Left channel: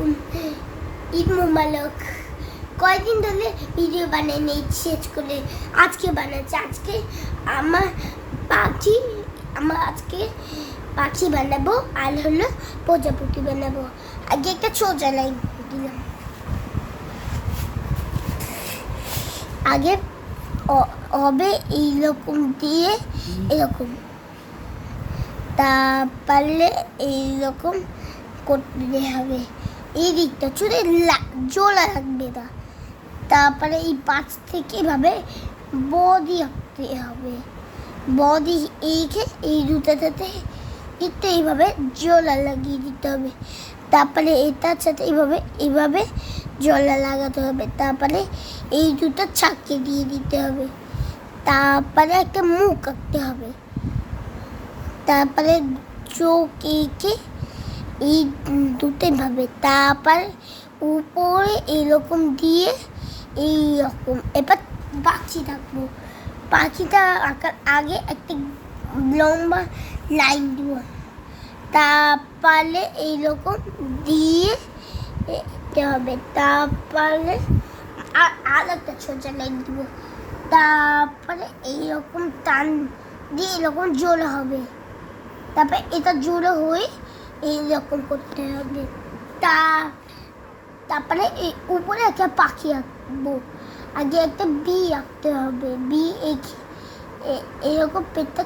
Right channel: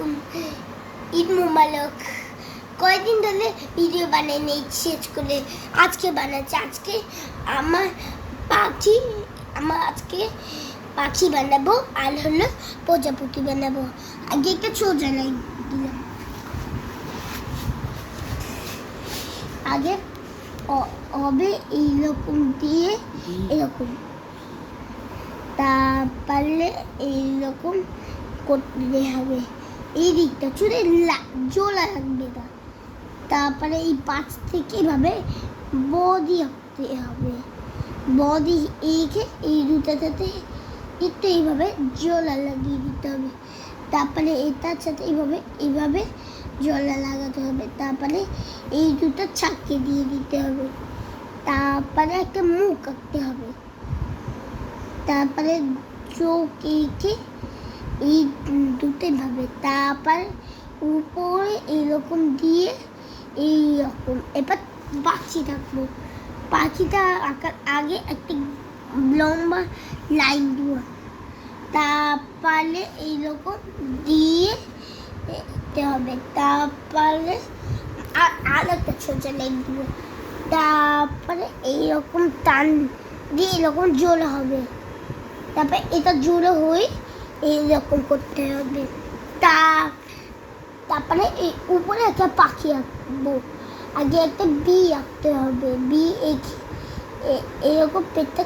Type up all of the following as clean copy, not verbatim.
আলাইকুম। ঈদ মুবারক। কয়দিন ধরে ভিডিও বানিয়ে নেই শেষ করে আজকে বানাচ্ছি। আজকে আজকে পাখি বানাবো আর হলো প্রজাপতি বানাবো। আগে একটা সোজা লাইন দিলাম। আগে হবে এইরকম দিয়ে এরকম, তারপরে এইরকম করতে হবে। এই দিকটা চুলে জোড়া লাগবে না। তারপরে এই পাঁচ থেকে এভাবে বডি আঁকতে হবে। বডি এইকে এই দুটাতে একটু এইভাবে জোড়া লাগিয়ে দিতে হবে। তারপরে এটার সাথে এইভাবে জোড়া লাগাতে হবে। তারপরে এই দুটো চাকে দিয়ে দিতে হবে। তারপরে একটা মুখ আঁকতে হবে। তারপরে চোখ এঁকে এই দুটোই ভাবে। তারপর উপরে এরকম দিয়ে এইরকম এবার পাখি থাকবো। পাখিটা আঁকার আগে একটা লম্বা লাইন দিব। তারপরে এইরকম দিয়ে দিতে হবে। তারপরে আর একটা সোজা লাইন দিব। তারপরে এইরকম টান দিয়ে এরকম জোড়া হবে। তারপরে এটা জোড়া হয়ে এইরকম করতে হবে। তারপরে এই উপরে একটা পাখি আঁকবো। আগে একটা বি আঁকতে হবে। বি এরকম পেটটা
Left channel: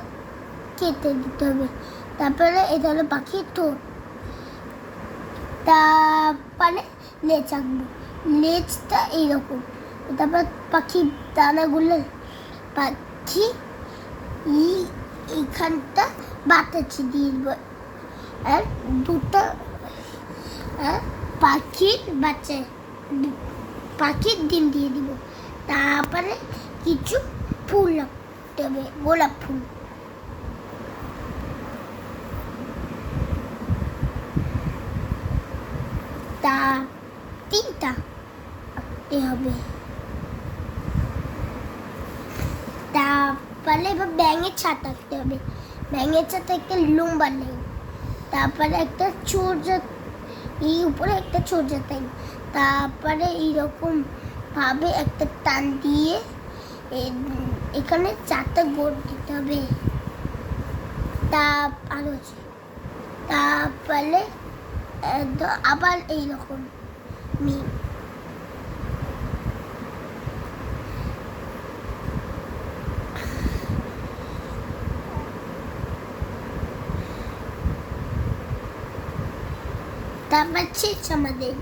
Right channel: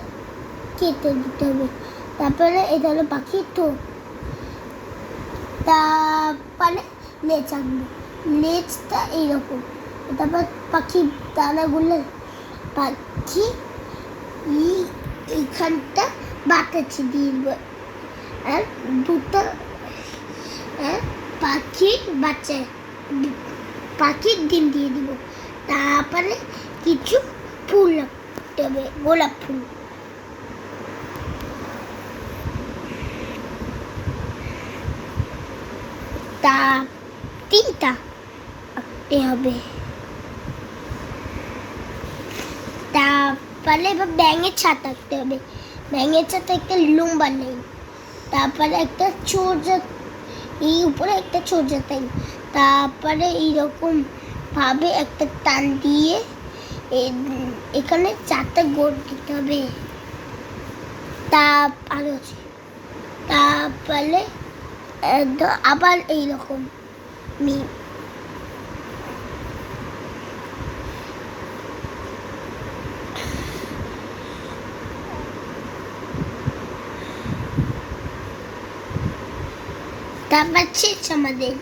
কেটে দিতে হবে। তারপরে এটা হলো পাখির ঠোঁট। তারপরে লেজ আঁকবো। লেজটা এইরকম। তারপর পাখির দানাগুলো পাখি এইখানটা বাতাসে দিয়ে দিব। আর দুটো পাখির বাচ্চা পাখির ডিম দিয়ে দিব। তারপরে কিছু ফুল রাখতে হবে, গোলাপ ফুল। তা তিনটা আঁকতে হবে। তারপরে এবার ব্যাঙের ছাতা আঁকতে হবে। ব্যাঙের ছাতা একটা লম্বা নেই। তারপরে একটা ছোজা, এই উপরে একটা ছোজা তাই। তারপরে এইরকম ভাবে একটা টান দিয়ে এখানে চারটা গোল দিতে হবে। তারপরে আবার এইরকম তারপর শেষ আমাদের।